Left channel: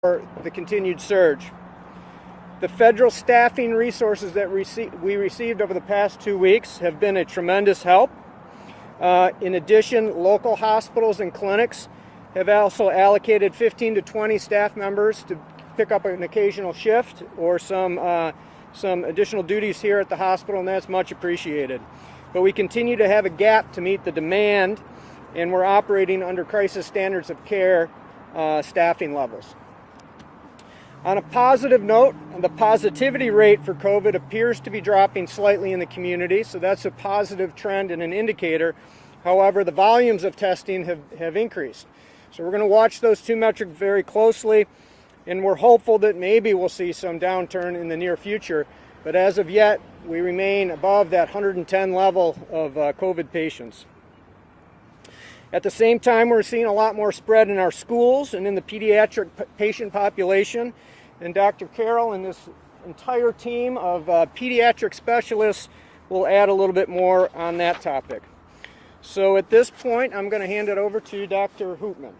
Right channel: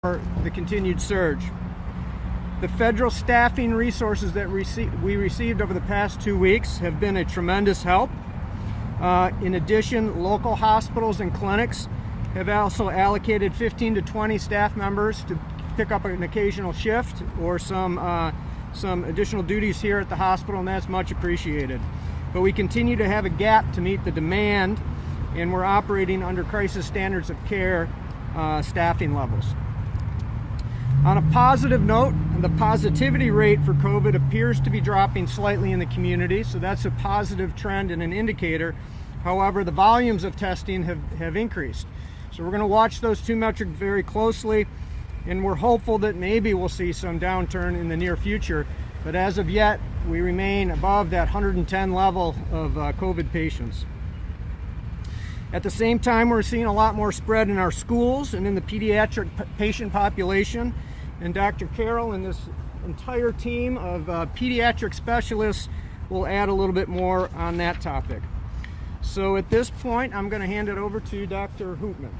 for the continued surge. The federal staffing resources that we received over the past 2 weeks have been a tremendous help. In addition, local hospitals and clinics have also allocated 15 to 20 staff members to pick up an occasional shift or some additional duties here at the hospital, and that's much appreciated. But we continue to have a gap to meet the demand, and we're operating under crisis standards of care staffing levels. On a positive note, the positivity rate for COVID appears to be dropping slightly in the community, so that's a positive trend and an indicator. However, the volumes of testing have increased. So we're going to watch those two metrics very closely, and we're hopeful that maybe we'll see some downturn in the near future. But as of yet, we remain above that 110 level of COVID patients. At the same time, we're seeing a lot more spread in our schools and in the pediatric patient population. And Dr. Carroll and this entire team of pediatric specialists will add a little bit more on that topic. So at this point, I'm going to hand it over to Dr. Hootman.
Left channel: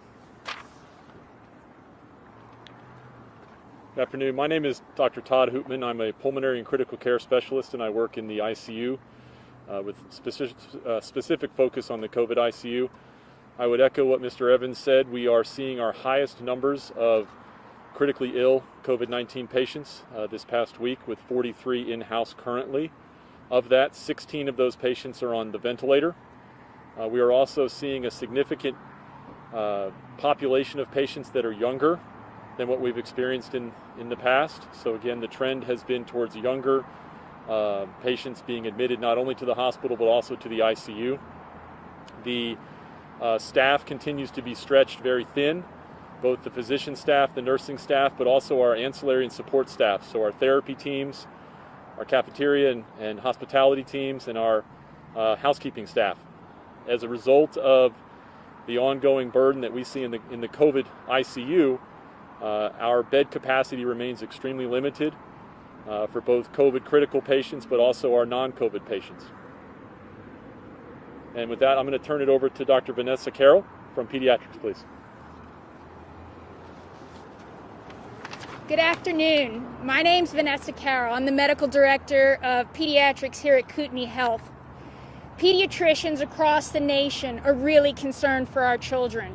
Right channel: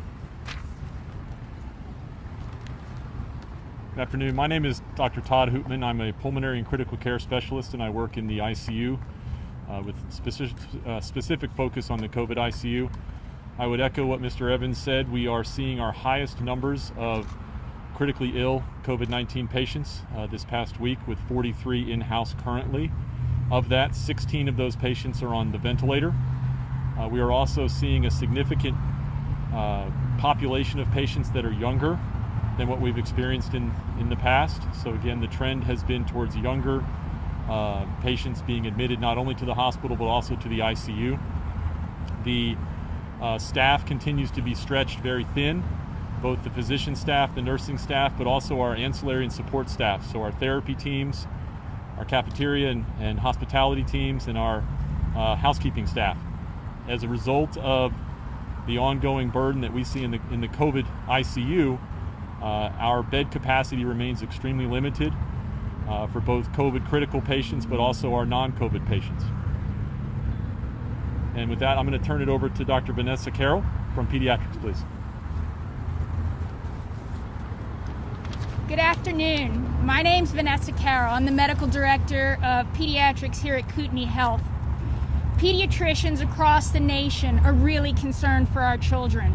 Good afternoon. My name is Dr. Todd Hootman. I'm a pulmonary and critical care specialist, and I work in the ICU with specific focus on the COVID ICU. I would echo what Mr. Evans said. We are seeing our highest numbers of critically ill COVID-19 patients this past week, with 43 in-house currently. Of that, 16 of those patients are on the ventilator. We are also seeing a significant population of patients that are younger than what we've experienced in the past. So again, the trend has been towards younger patients being admitted not only to the hospital but also to the ICU. The staff continues to be stretched very thin, both the physician staff, the nursing staff, but also our ancillary and support staff. So our therapy teams, our cafeteria and hospitality teams, and our housekeeping staff. As a result of the ongoing burden that we see in the COVID ICU, our bed capacity remains extremely limited for both COVID critical patients, but also our non-COVID patients. And with that, I'm going to turn it over to Dr. Vanessa Carroll from Pediatrics, please. Good afternoon. My name's Vanessa Carroll. I'm the Medical Director of Pediatrics here at Kootenai Health. Pediatricians across the nation are really concerned for our children.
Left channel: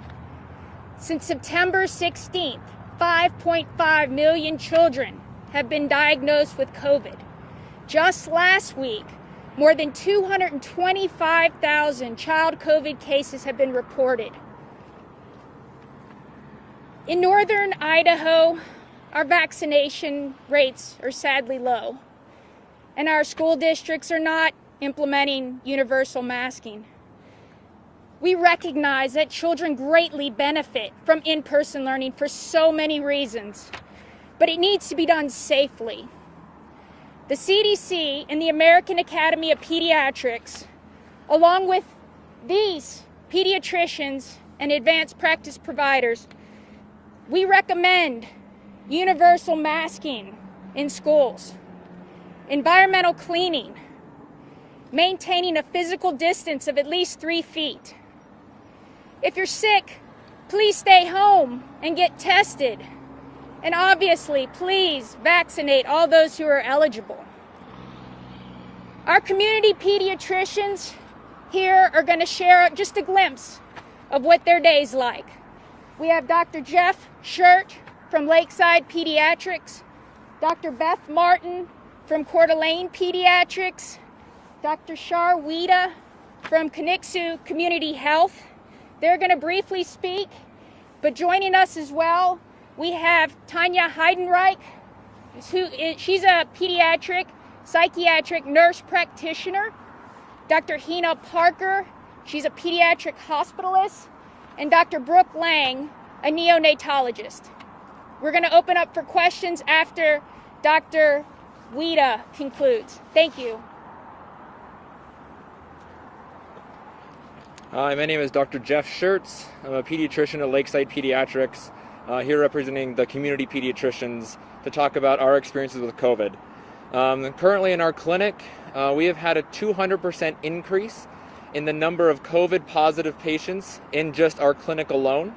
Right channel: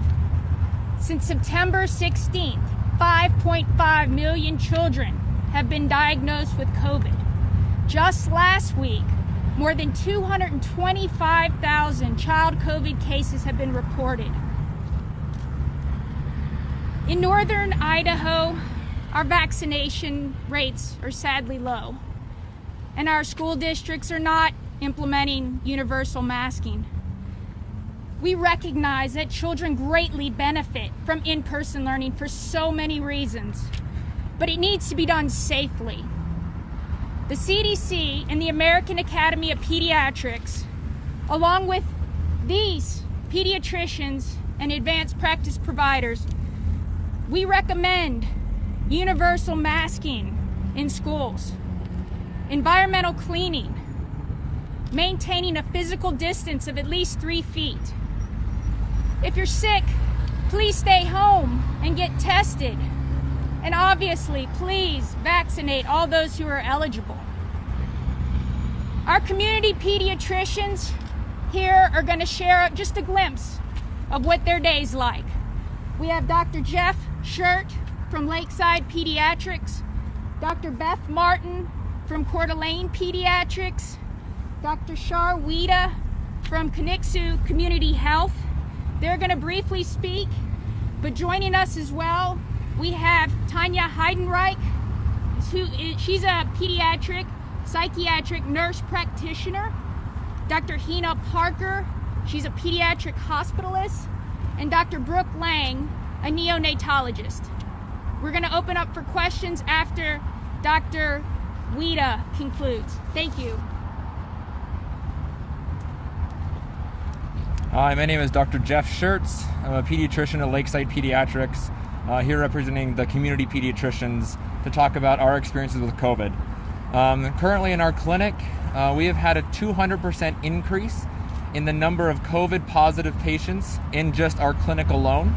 Since September 16th, 5.5 million children have been diagnosed with COVID. Just last week, more than 225,000 child COVID cases have been reported. In northern Idaho, our vaccination rates are sadly low, and our school districts are not implementing universal masking. We recognize that children greatly benefit from in-person learning for so many reasons, but it needs to be done safely. The CDC and the American Academy of Pediatrics, along with these pediatricians and advanced practice providers, we recommend universal masking in schools, environmental cleaning, maintaining a physical distance of at least 3 feet. If you're sick, please stay home and get tested. And obviously, please vaccinate all those who are eligible. Our community pediatricians here are going to share just a glimpse of what their day's like. We have Dr. Jeff Shirt from Lakeside Pediatrics, Dr. Beth Martin from Coeur d'Alene Pediatrics, Dr. Shar Weeda from Kootenai Community Health. They're going to briefly speak, but joining us as well, we have Tanya Heidenreich. She's a pediatric psychiatric nurse practitioner. Dr. Hina Parker, she's a pediatric hospitalist, and Dr. Brooke Lang, a neonatologist. We're going to open up for questions after Dr. Weeda concludes. Thank you. Hi, my name is Dr. Jeff Shirts. I'm a pediatrician at Lakeside Pediatrics, here representing the community pediatricians to talk about our experiences with COVID. Currently in our clinic, we have had a 200% increase in the number of COVID positive patients in just our clinic alone.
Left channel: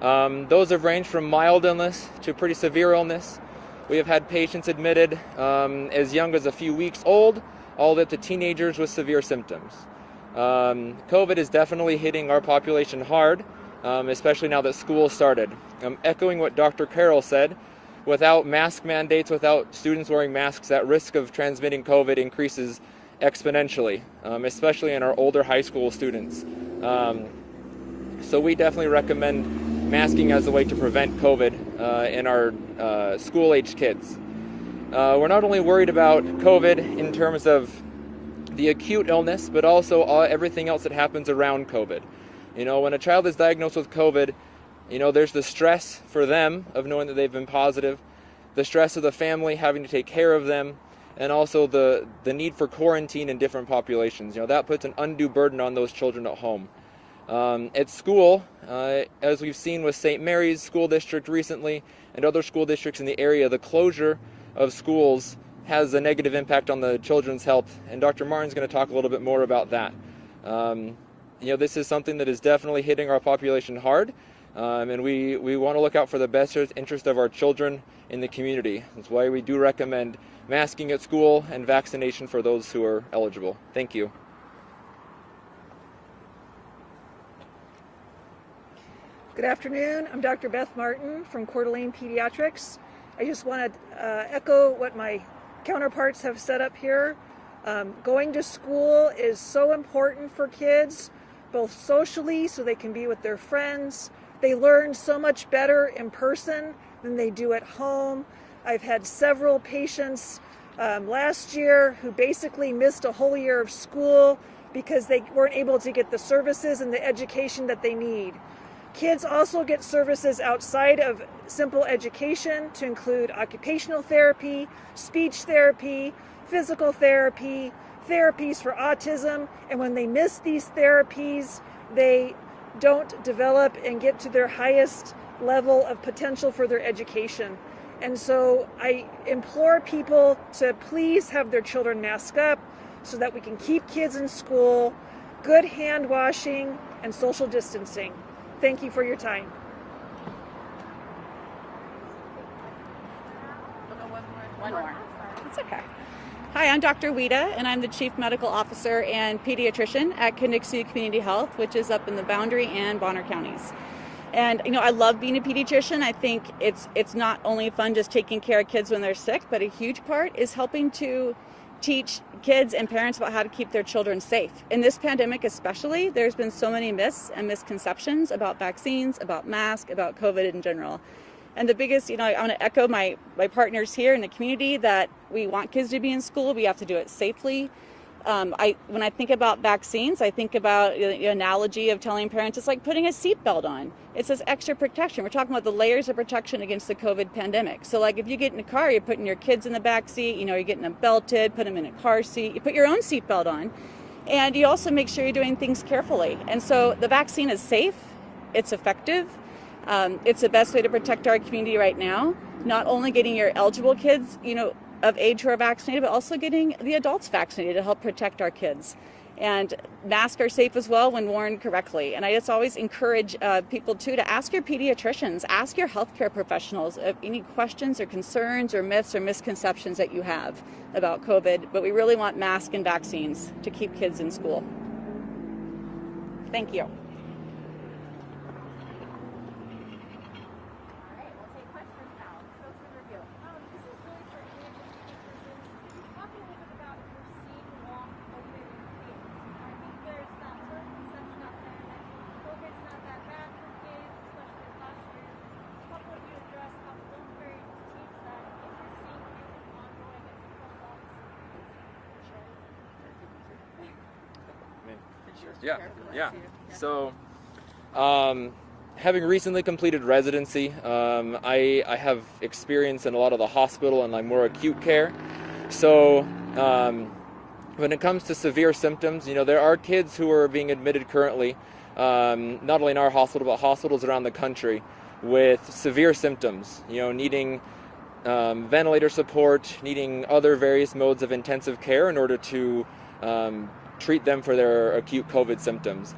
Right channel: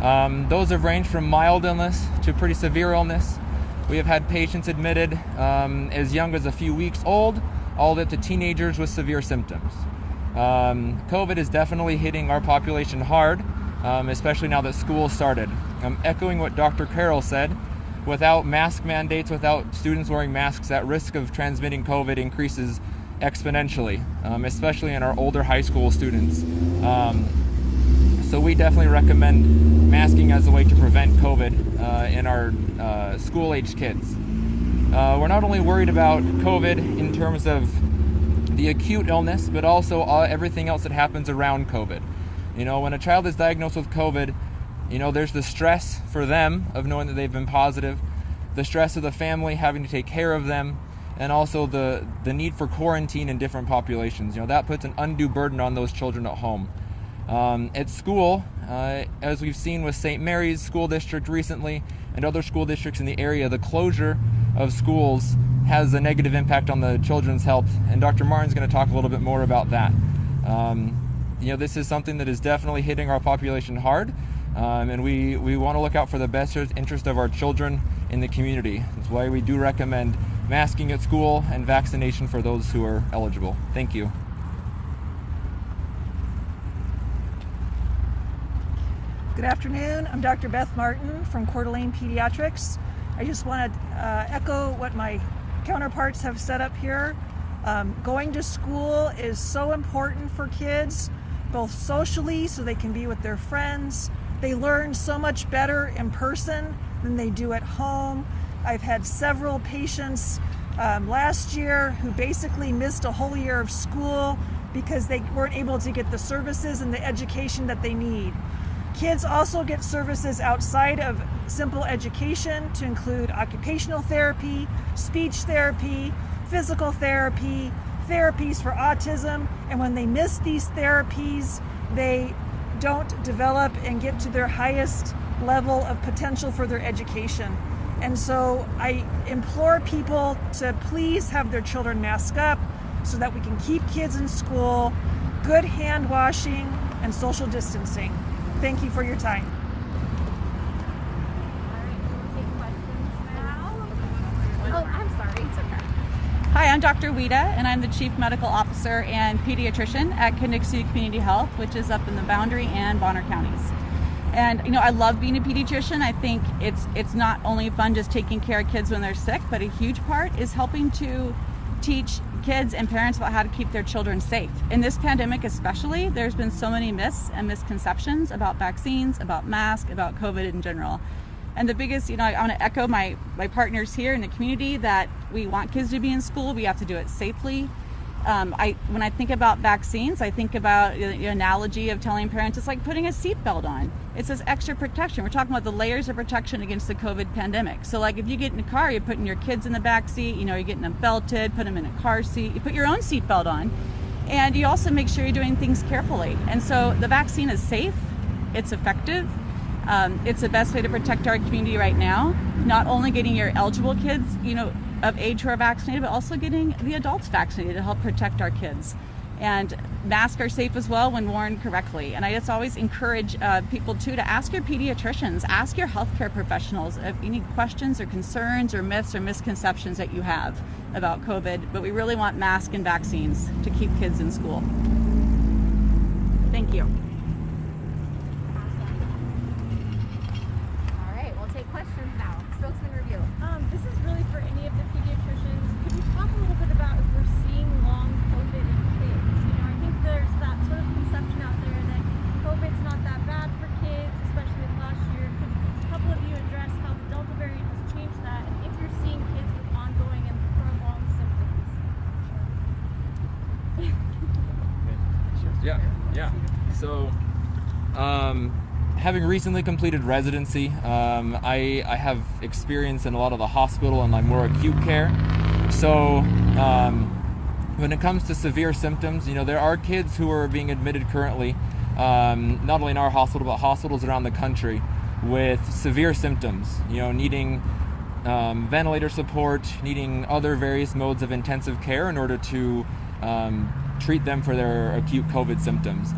Those have ranged from mild illness to pretty severe illness. We have had patients admitted as young as a few weeks old, all the way up to teenagers with severe symptoms. COVID is definitely hitting our population hard, especially now that school started. Echoing what Dr. Carroll said, without mask mandates, without students wearing masks, that risk of transmitting COVID increases exponentially, especially in our older high school students. So we definitely recommend masking as a way to prevent COVID in our school-aged kids. We're not only worried about COVID in terms of the acute illness, but also everything else that happens around COVID. You know, when a child is diagnosed with COVID, you know, there's the stress for them of knowing that they've been positive, the stress of the family having to take care of them, and also the need for quarantine in different populations. You know, that puts an undue burden on those children at home. At school, as we've seen with St. Mary's School District recently and other school districts in the area, the closure of schools has a negative impact on the children's health, and Dr. Martin's going to talk a little bit more about that. You know, this is something that is definitely hitting our population hard, and we want to look out for the best interest of our children in the community. That's why we do recommend masking at school and vaccination for those who are eligible. Thank you. Good afternoon. I'm Dr. Beth Martin from Coeur Pediatrics. I just want to echo what my counterparts have set up here. Going to school is so important for kids, both socially so they can be with their friends. They learn so much better in person than they do at home. I've had several patients last year who basically missed a whole year of school because they weren't able to get the services and the education that they need. Kids also get services outside of simple education to include occupational therapy, speech therapy, physical therapy, therapies for autism, and when they miss these therapies, they don't develop and get to their highest level of potential for their education. And so I implore people to please have their children mask up so that we can keep kids in school, good hand washing, and social distancing. Thank you for your time. Hi, I'm Dr. Wida, and I'm the Chief Medical Officer and Pediatrician at Kootenai Community Health, which is up in the Boundary and Bonner counties. And you know, I love being a pediatrician. I think it's not only fun just taking care of kids when they're sick, but a huge part is helping to teach kids and parents about how to keep their children safe. In this pandemic especially, there's been so many myths and misconceptions about vaccines, about masks, about COVID in general. And the biggest, you know, I want to echo my partners here in the community that we want kids to be in school. We have to do it safely. When I think about vaccines, I think about the analogy of telling parents it's like putting a seatbelt on. It's this extra protection. We're talking about the layers of protection against the COVID pandemic. So like if you get in a car, you're putting your kids in the back seat, you know, you're getting them belted, put them in a car seat, you put your own seatbelt on, and you also make sure you're doing things carefully. And so the vaccine is safe, it's effective, it's the best way to protect our community right now. Not only getting your eligible kids, you know, of age who are vaccinated, but also getting the adults vaccinated to help protect our kids. And masks are safe as well when worn correctly. And I just always encourage people too to ask your pediatricians, ask your healthcare professionals if any questions or concerns or myths or misconceptions that you have about COVID. But we really want masks and vaccines to keep kids in school. Thank you. So, having recently completed residency, I have experience in a lot of the hospital and like more acute care. So, when it comes to severe symptoms, you know, there are kids who are being admitted currently, not only in our hospital, but hospitals around the country with severe symptoms, you know, needing ventilator support, needing other various modes of intensive care in order to treat them for their acute COVID symptoms.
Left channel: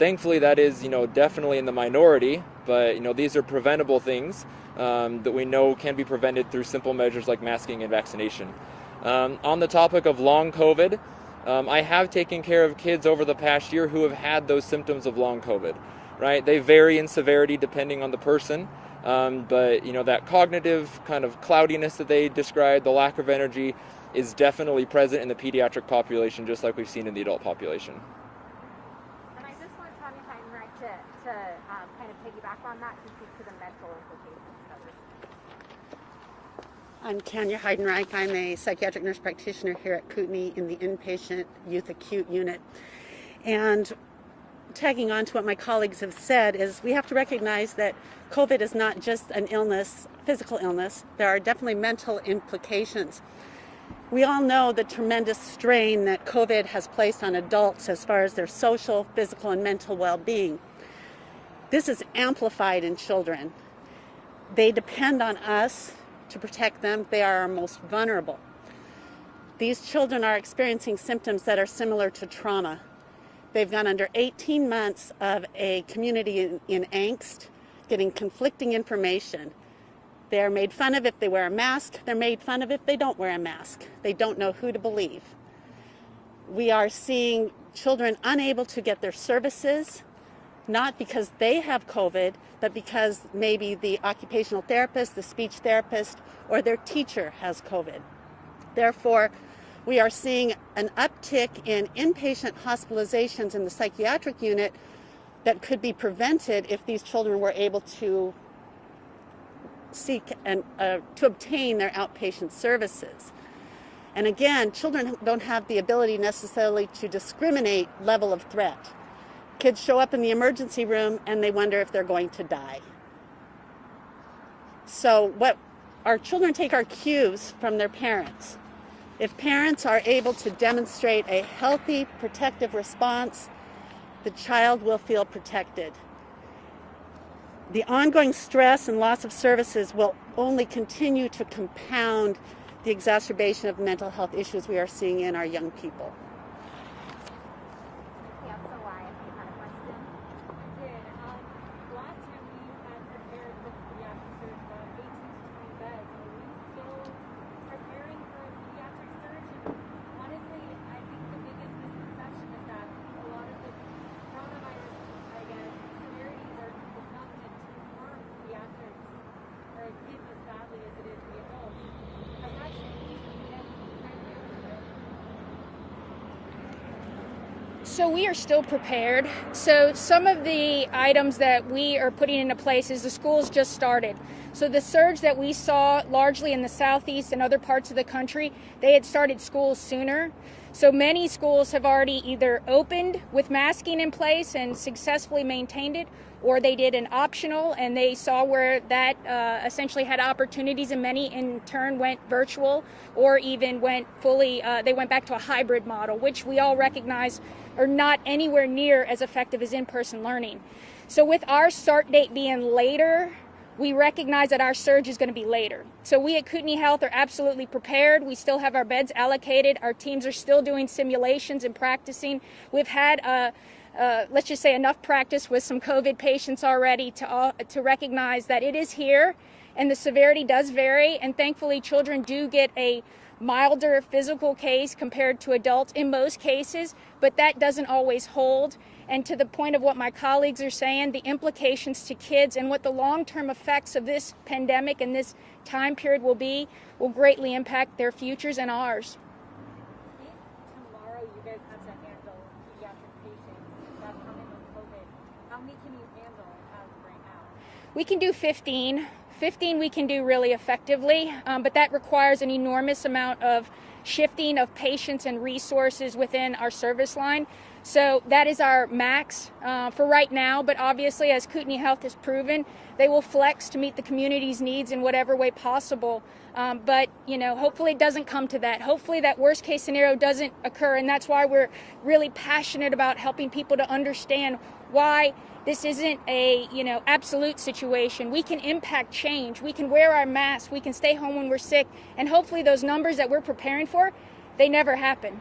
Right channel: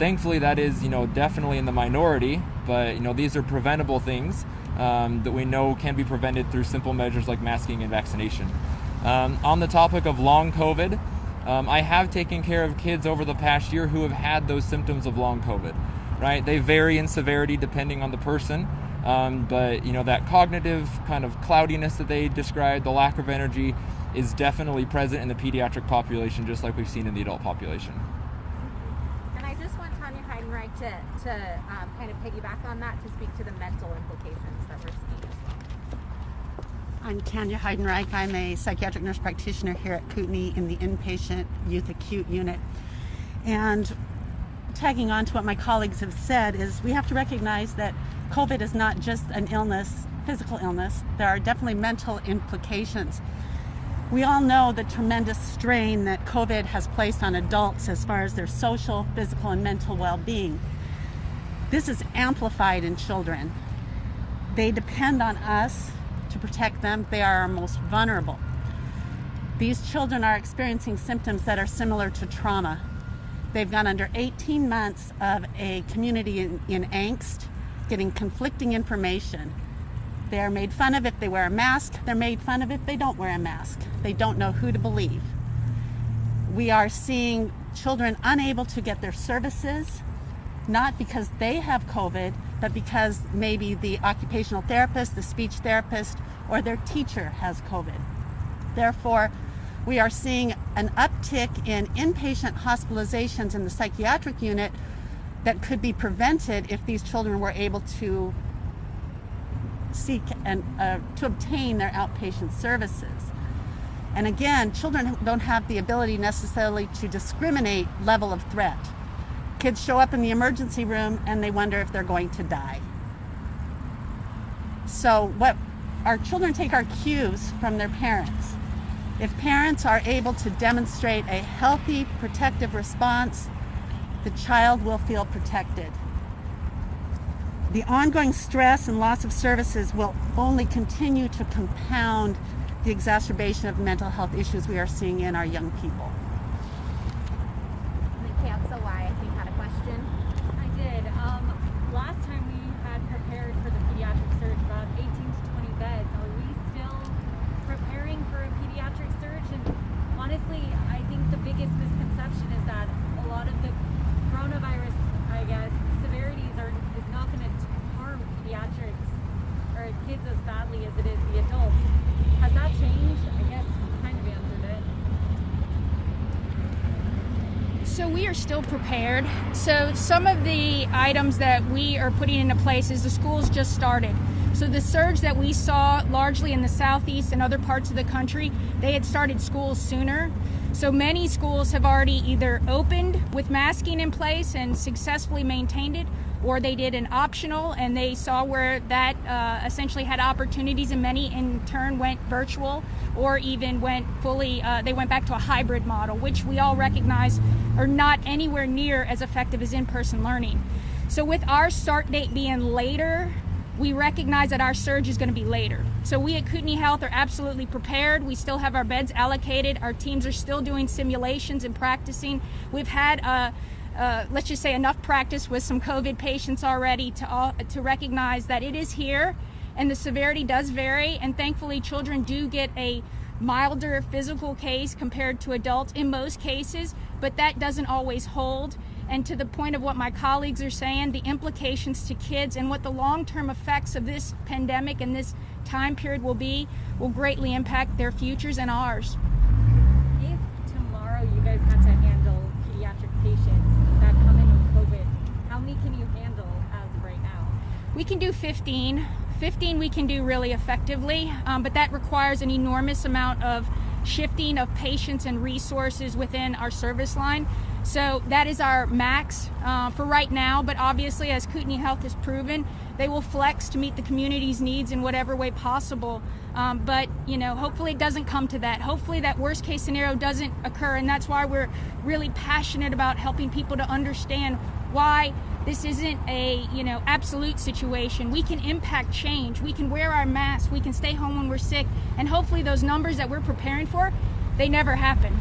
Thankfully, that is, you know, definitely in the minority, but these are preventable things that we know can be prevented through simple measures like masking and vaccination. On the topic of long COVID, I have taken care of kids over the past year who have had those symptoms of long COVID, right? They vary in severity depending on the person, but that cognitive kind of cloudiness that they described, the lack of energy, is definitely present in the pediatric population, just like we've seen in the adult population. And I just want Tanya Heidenreich to kind of piggyback on that, to speak to the mental implications that we're seeing as well. I'm Tanya Heidenreich. I'm a psychiatric nurse practitioner here at Kootenai in the inpatient youth acute unit. And tagging on to what my colleagues have said is we have to recognize that COVID is not just an illness, physical illness. There are definitely mental implications. We all know the tremendous strain that COVID has placed on adults as far as their social, physical, and mental well-being. This is amplified in children. They depend on us to protect them. They are our most vulnerable. These children are experiencing symptoms that are similar to trauma. They've gone under 18 months of a community in angst, getting conflicting information. They are made fun of if they wear a mask. They're made fun of if they don't wear a mask. They don't know who to believe. We are seeing children unable to get their services, not because they have COVID, but because maybe the occupational therapist, the speech therapist, or their teacher has COVID. Therefore, we are seeing an uptick in inpatient hospitalizations in the psychiatric unit that could be prevented if these children were able to seek and to obtain their outpatient services. And again, children don't have the ability necessarily to discriminate level of threat. Kids show up in the emergency room and they wonder if they're going to die. So what our children take our cues from their parents. If parents are able to demonstrate a healthy, protective response, the child will feel protected. The ongoing stress and loss of services will only continue to compound the exacerbation of mental health issues we are seeing in our young people. Council, I think, had a question. I did. Last time we had prepared for the pediatric surge about 18 to 20 beds. Are we still preparing for a pediatric surge? And honestly, I think the biggest misconception is that a lot of the coronavirus, I guess, severities is not going to harm pediatrics or kids as badly as it is the adults. Has that changed? I guess you kind of answered it. So we are still prepared. So some of the items that we are putting into place is the schools just started. So the surge that we saw largely in the southeast and other parts of the country, they had started schools sooner. So many schools have already either opened with masking in place and successfully maintained it, or they did an optional and they saw where that essentially had opportunities, and many in turn went virtual or even went fully, they went back to a hybrid model, which we all recognize are not anywhere near as effective as in-person learning. So with our start date being later, we recognize that our surge is going to be later. So we at Kootenai Health are absolutely prepared. We still have our beds allocated. Our teams are still doing simulations and practicing. We've had let's just say enough practice with some COVID patients already to recognize that it is here and the severity does vary, and thankfully children do get a milder physical case compared to adults in most cases, but that doesn't always hold. And to the point of what my colleagues are saying, the implications to kids and what the long-term effects of this pandemic and this time period will greatly impact their futures and ours. If tomorrow you guys had to handle pediatric patients that come in with COVID, how many can you handle as of right now? We can do 15. 15 we can do really effectively, but that requires an enormous amount of shifting of patients and resources within our service line. So that is our max for right now, but obviously as Kootenai Health has proven, they will flex to meet the community's needs in whatever way possible. But hopefully it doesn't come to that. Hopefully that worst case scenario doesn't occur, and that's why we're really passionate about helping people to understand why this isn't a absolute situation. We can impact change. We can wear our masks. We can stay home when we're sick, and hopefully those numbers that we're preparing for, they never happen.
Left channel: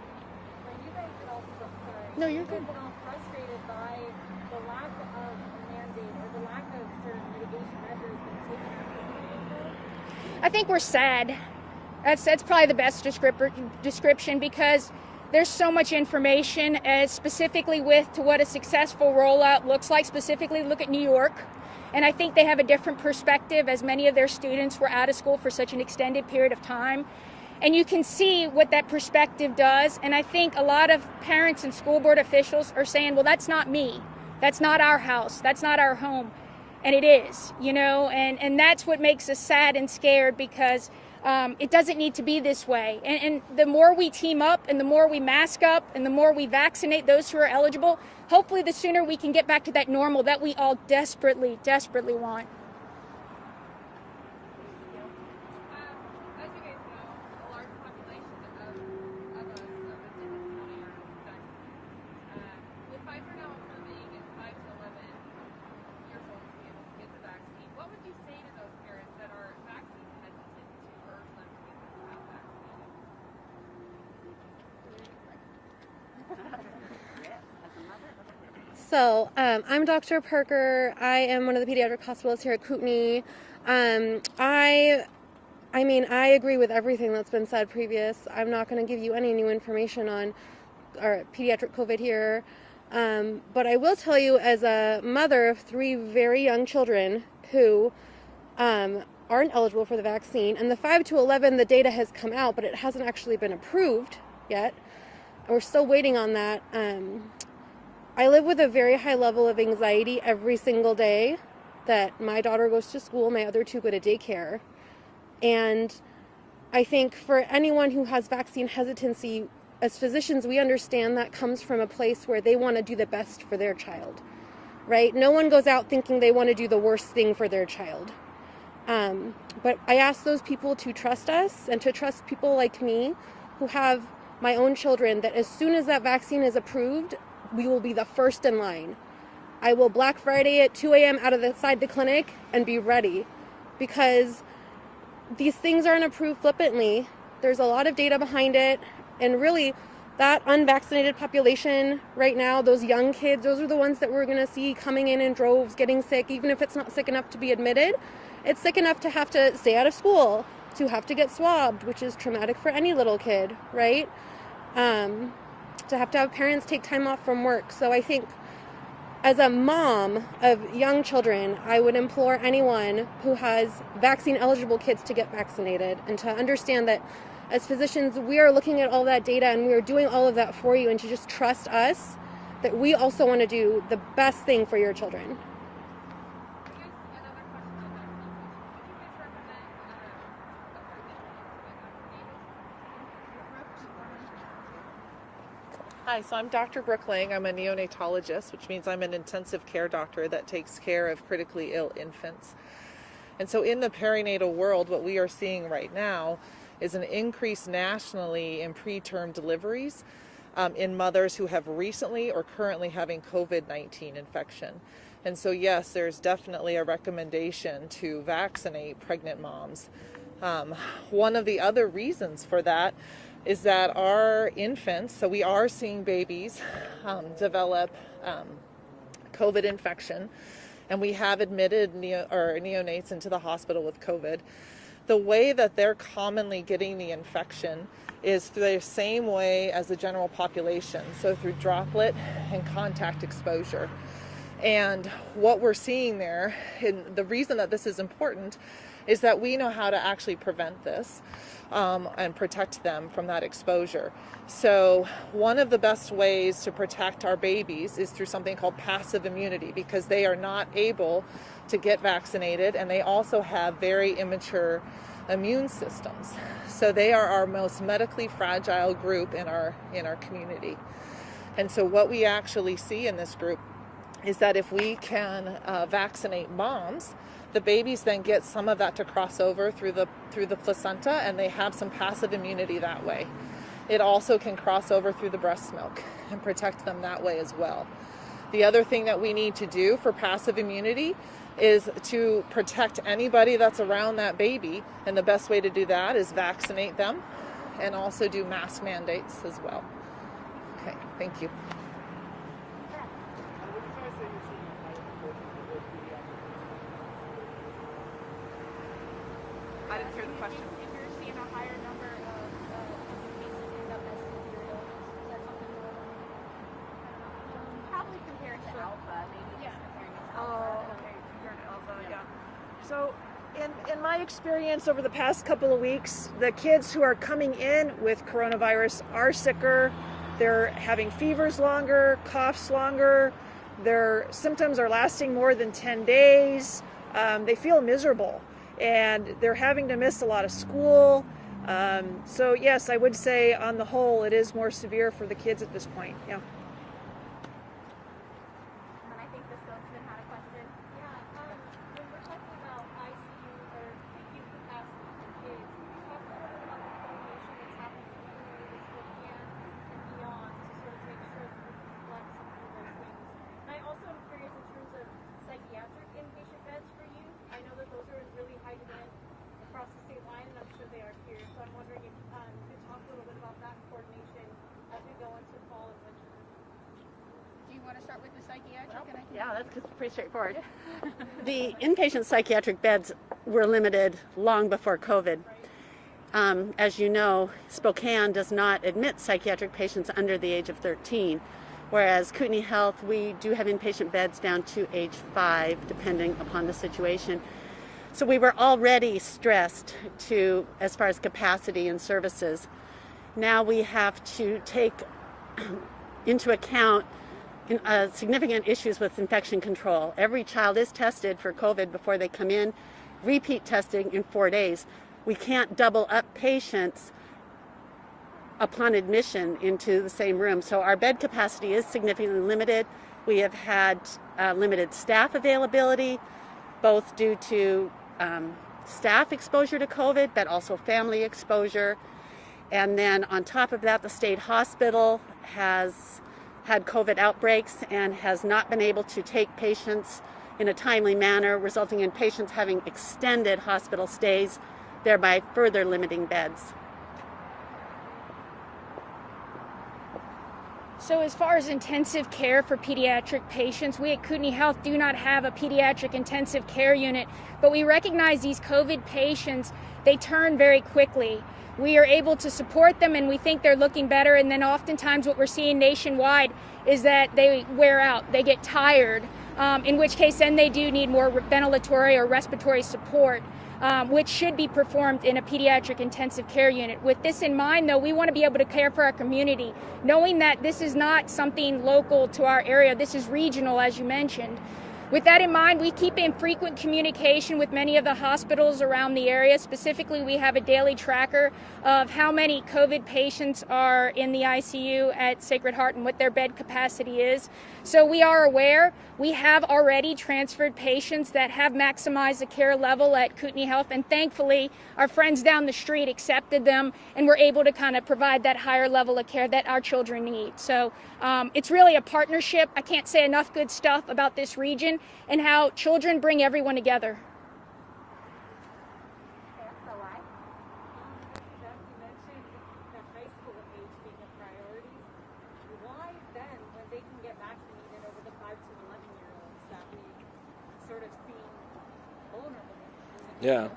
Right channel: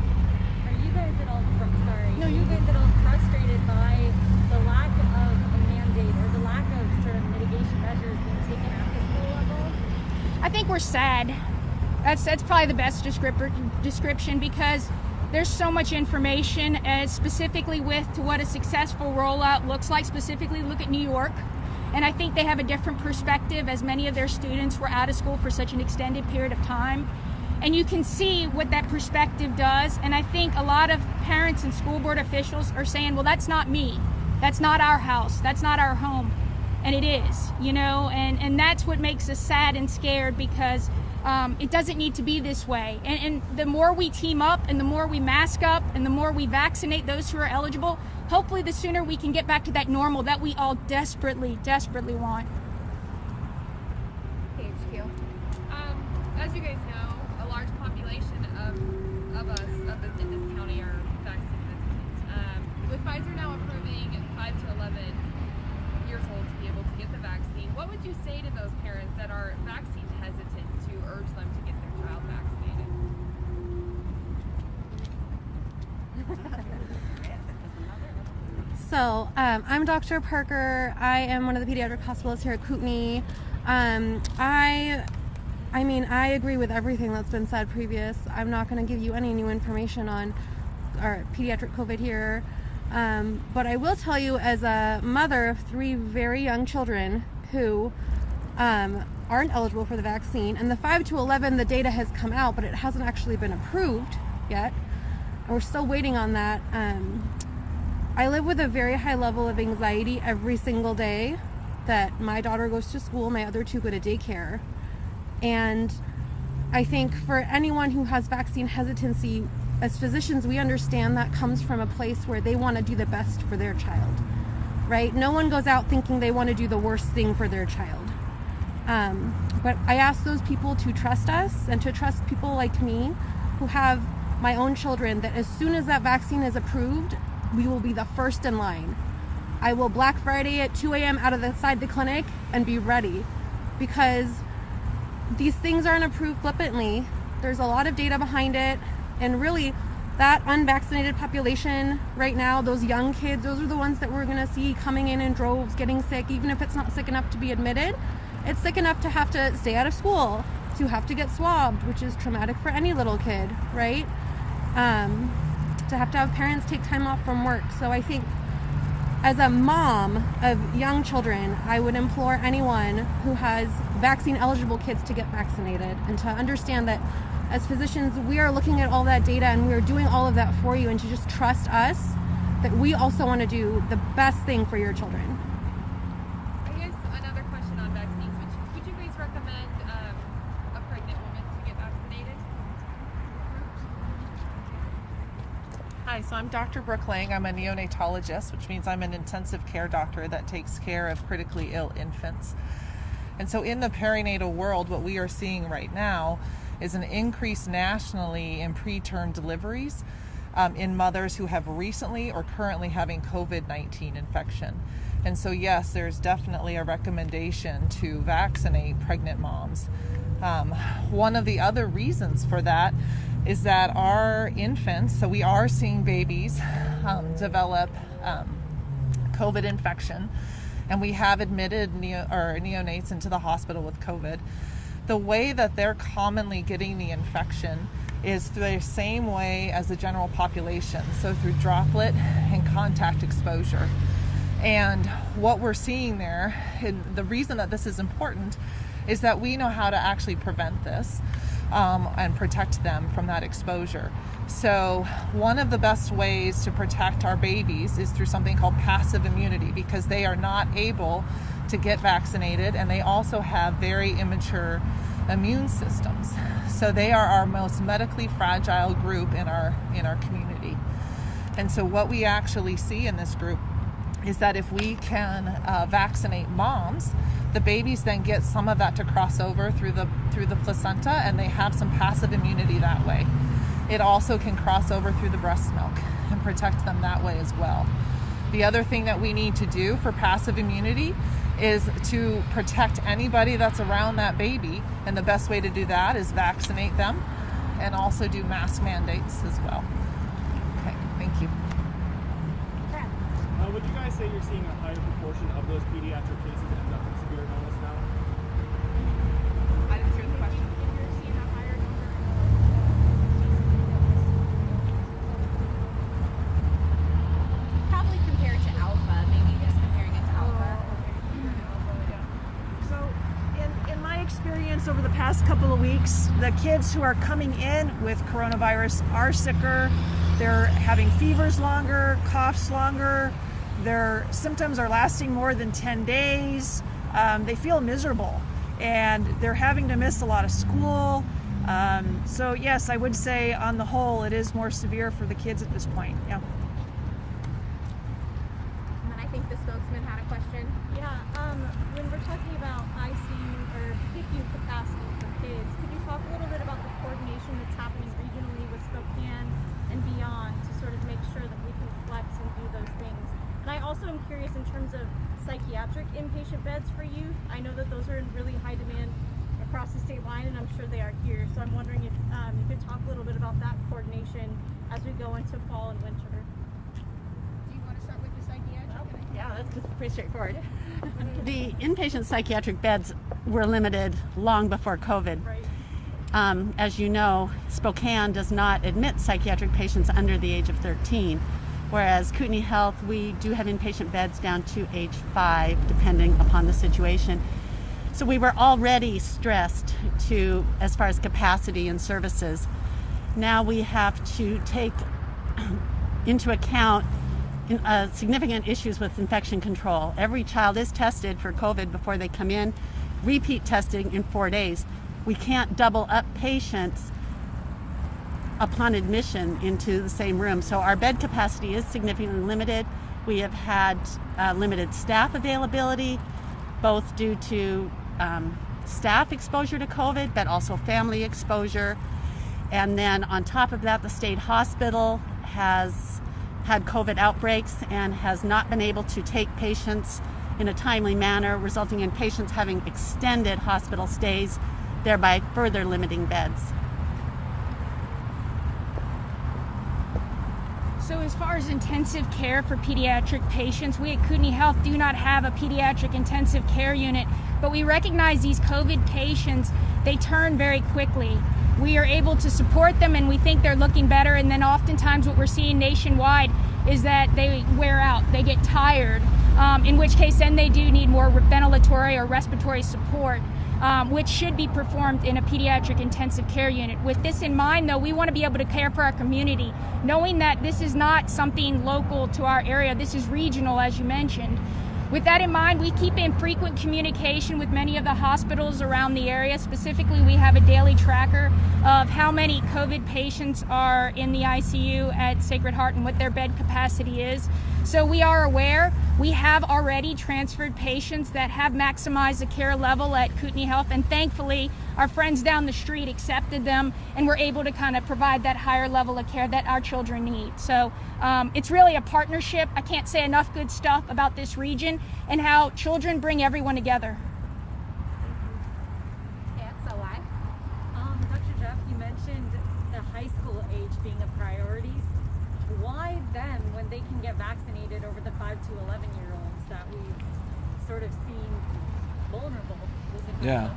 Are you guys at all frustrated by the lack of a mandate or the lack of certain I think we're sad. That's probably the best description, because there's so much information, specifically to what a successful rollout looks like. Specifically, look at New York. And I think they have a different perspective, as many of their students were out of school for such an extended period of time. And you can see what that perspective does. And I think a lot of parents and school board officials are saying, well, that's not me. That's not our house. That's not our home. And it is, and that's what makes us sad and scared, because it doesn't need to be this way. And the more we team up, and the more we mask up, and the more we vaccinate those who are eligible, hopefully the sooner we can get back to that normal that we all desperately, desperately want. HQ. As you guys know, a large population of us in this county are vaccinated. With Pfizer now approving 5 to 11 years old to be able to get the vaccine, what would you say to those parents that are vaccine hesitant to urge them to get their child vaccinated? So, I'm Dr. Parker. I am one of the pediatric hospitalists here at Kootenai. I agree with everything that's been said previous. I'm not going to give you any new information on our pediatric COVID here. But I will tell you, as a mother of 3 very young children who aren't eligible for the vaccine, and the 5 to 11, the data has come out, but it hasn't actually been approved yet. We're still waiting on that. I live with a very high level of anxiety every single day that my daughter goes to school, my other 2 go to daycare. And I think for anyone who has vaccine hesitancy, as physicians, we understand that comes from a place where they want to do the best for their child, right? No one goes out thinking they want to do the worst thing for their child. But I ask those people to trust us, and to trust people like me who have my own children, that as soon as that vaccine is approved, we will be the first in line. I will Black Friday at 2 a.m. out of the side of the clinic and be ready, because these things aren't approved flippantly. There's a lot of data behind it. And really, that unvaccinated population right now, those young kids, those are the ones that we're going to see coming in droves, getting sick. Even if it's not sick enough to be admitted, it's sick enough to have to stay out of school, to have to get swabbed, which is traumatic for any little kid, right? To have parents take time off from work. So I think, as a mom of young children, I would implore anyone who has vaccine-eligible kids to get vaccinated, and to understand that as physicians, we are looking at all that data, and we are doing all of that for you, and to just trust us that we also want to do the best thing for your children. I guess another question on vaccines. Would you guys recommend a pregnant woman to get vaccinated? Hi, so I'm Dr. Brooke Lang. I'm a neonatologist, which means I'm an intensive care doctor that takes care of critically ill infants. And so in the perinatal world, what we are seeing right now is an increase nationally in preterm deliveries in mothers who have recently or currently having COVID-19 infection. And so yes, there's definitely a recommendation to vaccinate pregnant moms. One of the other reasons for that is that our infants, so we are seeing babies develop COVID infection, and we have admitted neonates into the hospital with COVID. The way that they're commonly getting the infection is through the same way as the general population, so through droplet and contact exposure. And what we're seeing there, and the reason that this is important, is that we know how to actually prevent this and protect them from that exposure. So one of the best ways to protect our babies is through something called passive immunity, because they are not able to get vaccinated, and they also have very immature immune systems. So they are our most medically fragile group in our community. And so what we actually see in this group is that if we can vaccinate moms, the babies then get some of that to cross over through the placenta, and they have some passive immunity that way. It also can cross over through the breast milk and protect them that way as well. The other thing that we need to do for passive immunity is to protect anybody that's around that baby, and the best way to do that is vaccinate them, and also do mask mandates as well. Okay, thank you. Would you guys say you're seeing a higher proportion of those pediatric cases end up in severe illness now? I didn't hear the question. over the past couple of weeks, the kids who are coming in with coronavirus are sicker. They're having fevers longer, coughs longer. Their symptoms are lasting more than 10 days. They feel miserable, and they're having to miss a lot of school. So yes, I would say on the whole, it is more severe for the kids at this point. Yeah. And then I think the spokesman had a question. Yeah, when we're talking about ICU or PICU capacity for kids, could you talk a little bit about the coordination that's happening regionally with Spokane and beyond to sort of make sure that we can flex and do those things? And I also am curious in terms of psychiatric inpatient beds for youth. I know that those are in really high demand across the state line, and I'm sure they are here. So I'm wondering if you could talk a little bit about that coordination as we go into fall and winter. Do you want to start with the psychiatric? Yeah, that's just pretty straightforward. The inpatient psychiatric beds were limited long before COVID. As you know, Spokane does not admit psychiatric patients under the age of 13, whereas Kootenai Health, we do have inpatient beds down to age 5, depending upon the situation. So we were already stressed as far as capacity and services. Now we have to take into account significant issues with infection control. Every child is tested for COVID before they come in, repeat testing in 4 days. We can't double up patients upon admission into the same room. So our bed capacity is significantly limited. We have had limited staff availability, both due to staff exposure to COVID, but also family exposure. And then on top of that, the state hospital has had COVID outbreaks and has not been able to take patients in a timely manner, resulting in patients having extended hospital stays, thereby further limiting beds. So as far as intensive care for pediatric patients, we at Kootenai Health do not have a pediatric intensive care unit, but we recognize these COVID patients, they turn very quickly. We are able to support them and we think they're looking better, and then oftentimes what we're seeing nationwide is that they wear out, they get tired, in which case then they do need more ventilatory or respiratory support, which should be performed in a pediatric intensive care unit. With this in mind, though, we want to be able to care for our community, knowing that this is not something local to our area, this is regional, as you mentioned. With that in mind, we keep in frequent communication with many of the hospitals around the area. Specifically, we have a daily tracker of how many COVID patients are in the ICU at Sacred Heart and what their bed capacity is. So we are aware. We have already transferred patients that have maximized the care level at Kootenai Health, and thankfully our friends down the street accepted them and were able to kind of provide that higher level of care that our children need. So it's really a partnership. I can't say enough good stuff about this region and how children bring everyone together. Dr. Jeff, you mentioned the high school age being a priority. Why then, when they can get vaccinated over the 5 to 11-year-olds that we've sort of seen vulnerable? Yeah.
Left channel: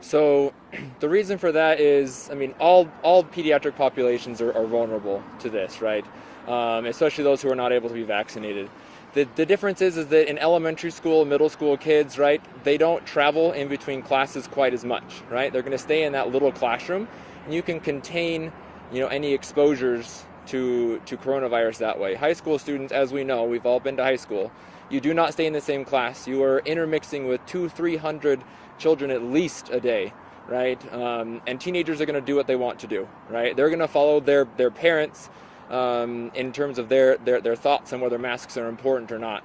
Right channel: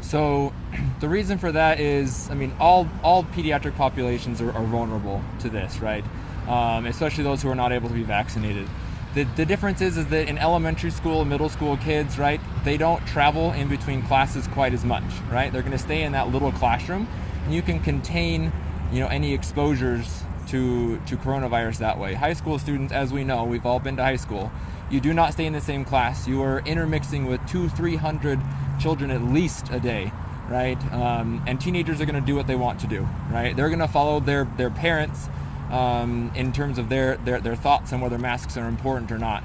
So the reason for that is, I mean, all pediatric populations are vulnerable to this, right? Especially those who are not able to be vaccinated. The difference is that in elementary school, middle school kids, right, they don't travel in between classes quite as much, right? They're going to stay in that little classroom, and you can contain, any exposures to coronavirus that way. High school students, as we know, we've all been to high school, you do not stay in the same class. You are intermixing with 200-300 children at least a day, right? And teenagers are going to do what they want to do, right? They're going to follow their parents in terms of their thoughts on whether masks are important or not,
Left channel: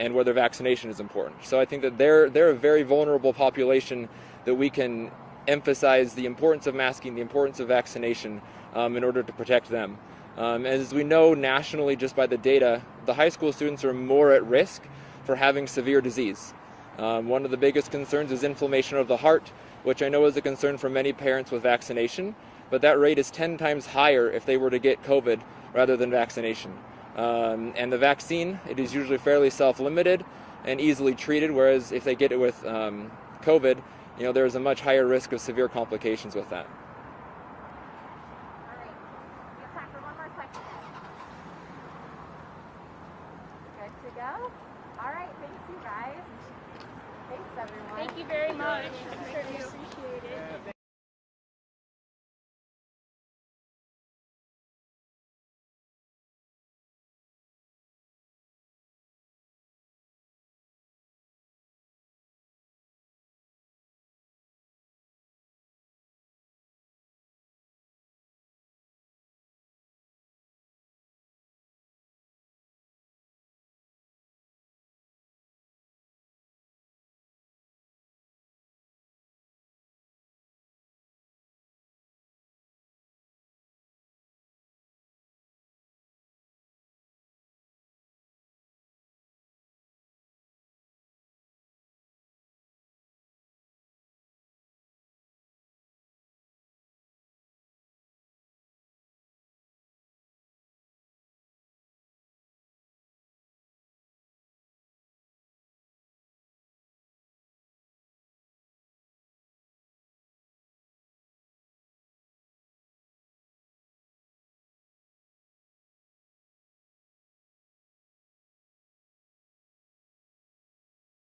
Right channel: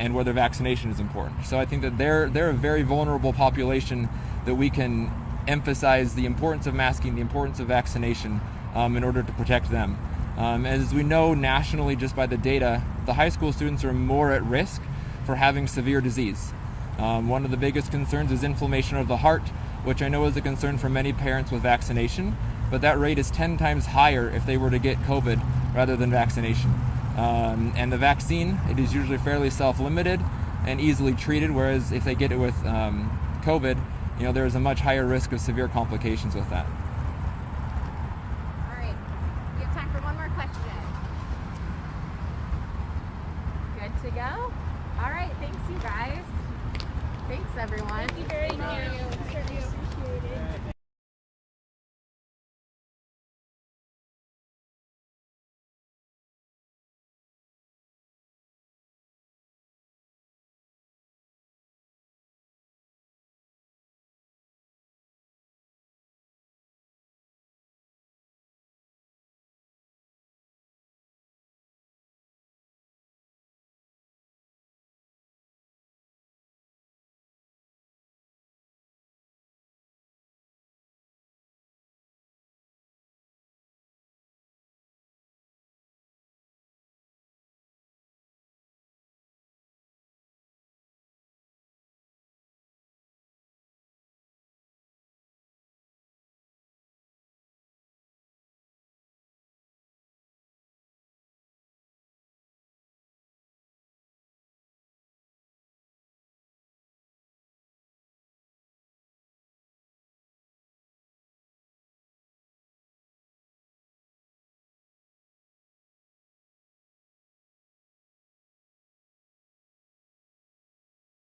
and whether vaccination is important. So I think that they're a very vulnerable population that we can emphasize the importance of masking, the importance of vaccination in order to protect them. As we know nationally, just by the data, the high school students are more at risk for having severe disease. One of the biggest concerns is inflammation of the heart, which I know is a concern for many parents with vaccination, but that rate is 10 times higher if they were to get COVID rather than vaccination. And the vaccine, it is usually fairly self-limited and easily treated, whereas if they get it with COVID, there is a much higher risk of severe complications with that.